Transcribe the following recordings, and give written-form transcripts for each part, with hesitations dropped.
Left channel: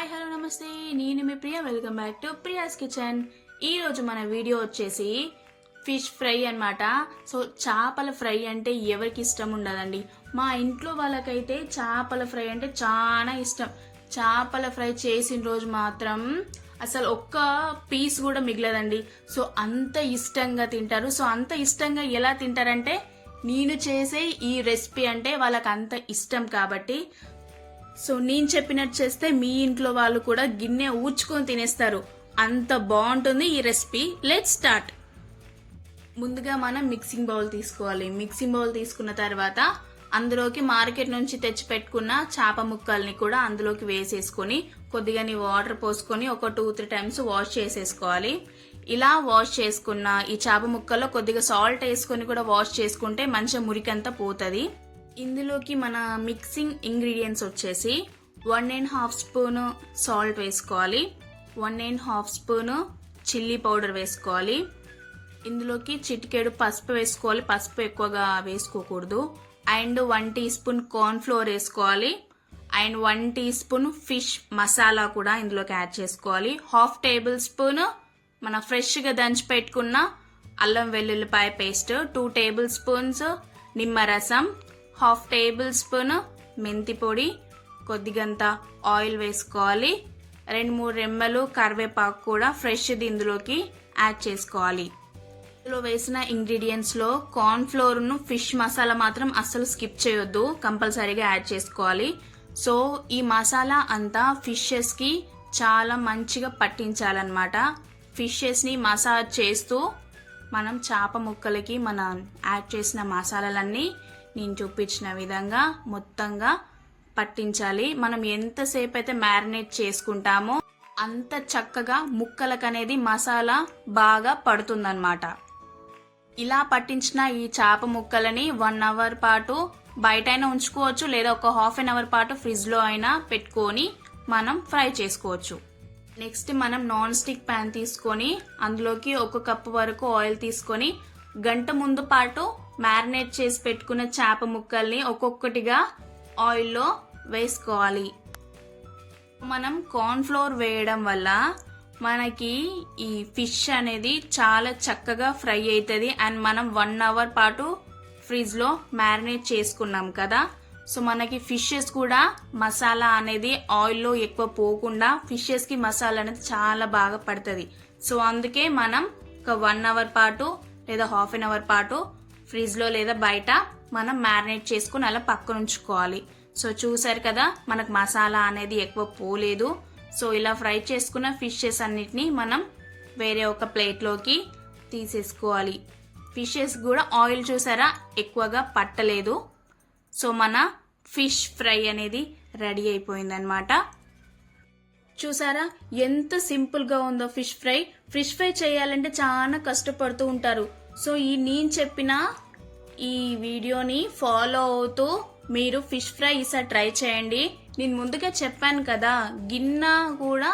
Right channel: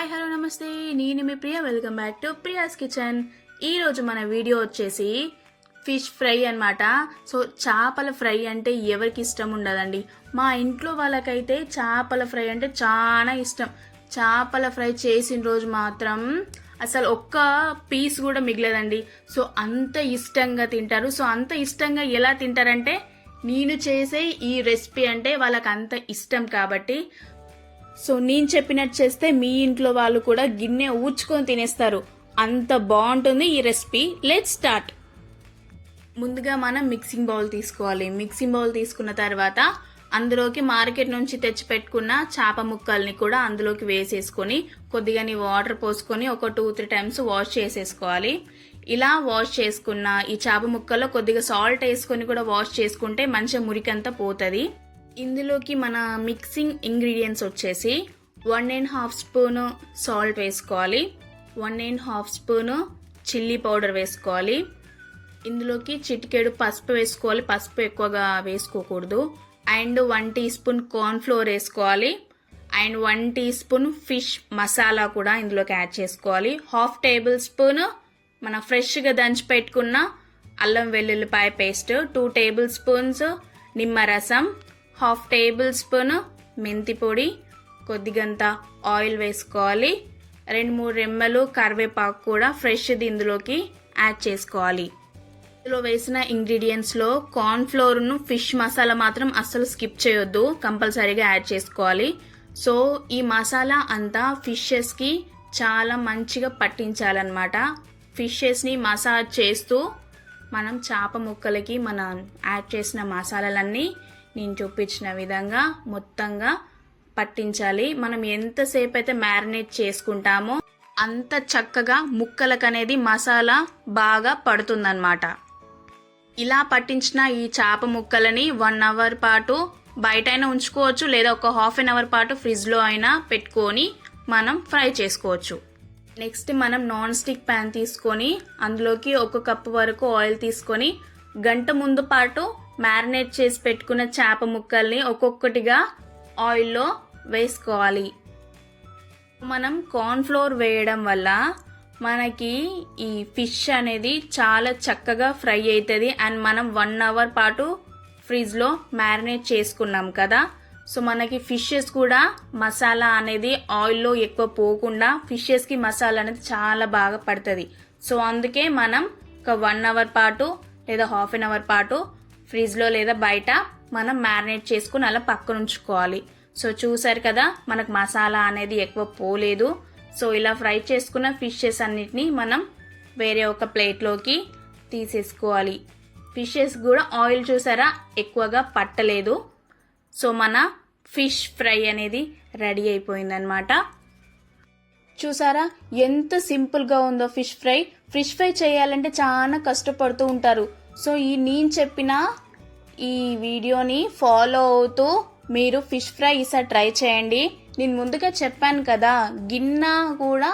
Hi hello నమస్తే, నేను మీ Priya. Welcome back to Priya's kitchen. ఈరోజు మన వీడియో వచ్చేసి ఫిష్ ఫ్రై అన్నమాట. సో చేపల ఫ్రై అంటే ఎవరికి ఇష్టం ఉండదండి. మా ఇంట్లో వాళ్ళకైతే చేపల ఫ్రై అంటే చాలా ఇష్టం. చేపల ఫ్రై చేసిన రోజు మాత్రం అసలు ఒక్క పీస్ కూడా మిగలదండి. సో అంత ఇష్టంగా తింటారు. సో అంత ఇష్టంగా ఎలా తింటారంటే, నేను చేసే ఈ రెసిపీ అంటే వాళ్ళకి అంత ఇష్టం కాబట్టి, సో నేను చెప్పినట్టు చేస్తే మీ ఇంట్లో వాళ్ళు కూడా గిన్నె ఊడ్చుకొని తినేస్తారు. అంత బాగుంటుంది ఈ రెసిపీ. Let's start. ముందుగా మనం మిక్సింగ్ బౌల్ తీసుకోవాలి. మిక్సింగ్ బౌల్ తీసుకున్న తర్వాత అందులోకి మార్కెట్ నుంచి తెచ్చి పెట్టుకున్న చేప ముక్కల్ని కూడా అందులోకి వేసేసుకొని కొద్దిగా వాటర్ పోసుకొని ఒక 2-3 టైమ్స్ వాష్ చేసేసుకోవాలి. ఇలా వాష్ చేసుకున్న ఈ చేప ముక్కల్లో కొద్దిగా సాల్ట్ వేసుకొని కూడా వాష్ చేసుకుంటే మంచిగా మురికంతా పోతుంది. ఇందులోకి మన మిక్సింగ్ ఇంగ్రీడియంట్స్ వచ్చేసి 1.5 స్పూన్ సాల్ట్ వేసుకోవాలి, 1.5 స్పూన్ చిల్లీ పౌడర్ వేసుకోవాలి. ఇందులోకి చిటికెడు పసుపు వేసుకోవాలి. పసుపు ఎక్కువగా వేసుకోకూడదు. And 1 teaspoon corn flour వేసుకోవాలి. And 1 teaspoon fish masala కూడా ఇందులోకి యాడ్ చేసుకోవాలి. 1/2 టేబుల్ స్పూన్ మన ఫ్రెష్గా దంచి పెట్టుకున్న అల్లం వెల్లుల్లిపాయ పేస్ట్, 2 టేబుల్ స్పూన్స్ నిమ్మరసం, 1/2 టేబుల్ స్పూన్ మెంతి పొడి, కొద్దిగంత ఆయిల్ వేసుకోవాలి. 2-3 రెమ్మలు కరివేపాకు కూడా ఫ్రెష్ది ఇందులోకి యాడ్ చేసుకోవాలి. ఇందులో వేసిన ఇంగ్రీడియంట్స్ లో కార్న్ ఫ్లోర్ ను ఫిష్ మసాలా మాత్రం అస్సలు స్కిప్ చేయొద్దు, కంపల్సరీగా యాడ్ చేసుకోవాలి. సో ఈ మసాలా అంతా ఫిషెస్ కి చాలా మంచిగా పట్టించాలన్నమాట. ఫిషెస్ ని మసాజ్ చేస్తూ మనం చేప ముక్కలకి మనం యాడ్ చేసిన మసాలాలన్నీ నేను చూపించిన విధంగా మొత్తంగా పట్టించాలి. మనం ఎంతసేపు అయితే మ్యారినేట్ చేసుకుంటామో అంత చక్కగా ముక్కలకు అనేది మసాలా బాగా పడుతుందన్నమాట. ఇలా పట్టించిన ఈ చేప ముక్కలని 1 అవర్ పాటు బయటైనా ఉంచుకోవచ్చు, లేదా ఒక 1/2 అవర్ పాటు ఫ్రిడ్జ్ లో అయినా పెట్టుకొని మనం ఫ్రై చేసుకోవచ్చు. నెక్స్ట్ మనం నాన్ స్టిక్ ప్యాన్ తీసుకొని అందులోకి 1 కప్పు వరకు ఆయిల్ తీసుకొని గంట ముందు పాటు మ్యారినేట్ చేసి పెట్టుకున్న చేప ముక్కల్ని ఒక్కొక్కటిగా ఆయిల్లో వేసుకోవాలి. మనం కార్న్ ఫ్లోర్ వేయడం వల్ల మనకి ఈ ఫిష్ అనేది చాలా చక్కగా ఫ్రై అవుతుంది. అండ్ మనం 1 అవర్ పాటు ఫ్రిడ్జ్ లో మ్యారినేట్ చేసుకున్నాం కదా, సో మనకి ఫిషెస్ కూడా మసాలా అనేది ఆయిల్లో ఎక్కువ పోకుండా ఫిషెస్ కి మసాలా అనేది చాలా బాగా పడుతుంది. సో అందుకే మనం ఒక 1 అవర్ పాటు లేదా 1/2 అవర్ పాటు ఫ్రిడ్జ్ లో లేదా బయట మనం మ్యారినేట్ చేసుకుని అలా పక్కన ఉంచుకోవాలి. సో చూసారు కదా, మనకు మసాలా అనేది ఎక్కువ పోలేదు. సో ఇలా ఫ్రై చేసుకున్న ఫిషెస్ అన్నిటిని మనం వేరే ఒక ప్లేట్ లోకి తీసేసుకోవాలి. ఫిషెస్ కూడా ఆయిల్ చూసారా ఎక్కువగా పట్టలేదు. సో మన ఫిష్ ఫ్రై అనేది రెడీ అయిపోయిందనమాట. చూసారా ఎంత సింపుల్ గా ఉందో ఫిష్ ఫ్రై. ఫిష్ ఫ్రై చేయాలంటే చాలా కష్టపడుతూ ఉంటారు. సో నేను చెప్పిన ఈ వీడియోని ఫాలో అవుతూ మీరు ఫిష్ ఫ్రై ఈసారి ట్రై చేయండి. నేను ముందుగా చెప్పాను కదా, గిన్నె కూడా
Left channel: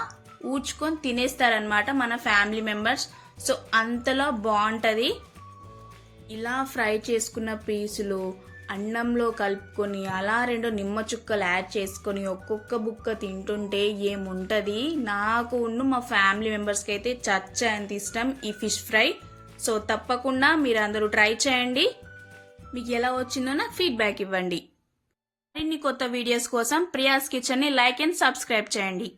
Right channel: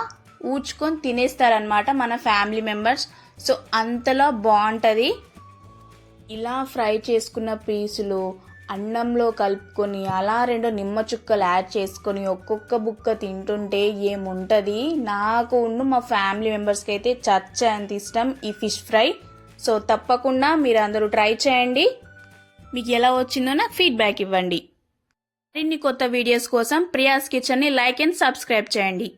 ఊడ్చుకొని తినేస్తారనమాట మన ఫ్యామిలీ మెంబర్స్. సో అంతలా బాగుంటది. ఇలా ఫ్రై చేసుకున్న పీసులు అన్నంలో కలుపుకొని అలా 2 నిమ్మ చుక్కలు యాడ్ చేసుకొని ఒక్కొక్క బుక్క తింటుంటే ఏముంటది. నాకు మా ఫ్యామిలీ మెంబర్స్కి అయితే చచ్చేంత ఇష్టం ఈ ఫిష్ ఫ్రై. సో తప్పకుండా మీరు అందరూ ట్రై చేయండి. మీకు ఎలా వచ్చిందో నాకు ఫీడ్బ్యాక్ ఇవ్వండి. మరిన్ని కొత్త వీడియోస్ కోసం ప్రియాస్ కిచెన్ ని లైక్ అండ్ సబ్స్క్రైబ్ చేయండి.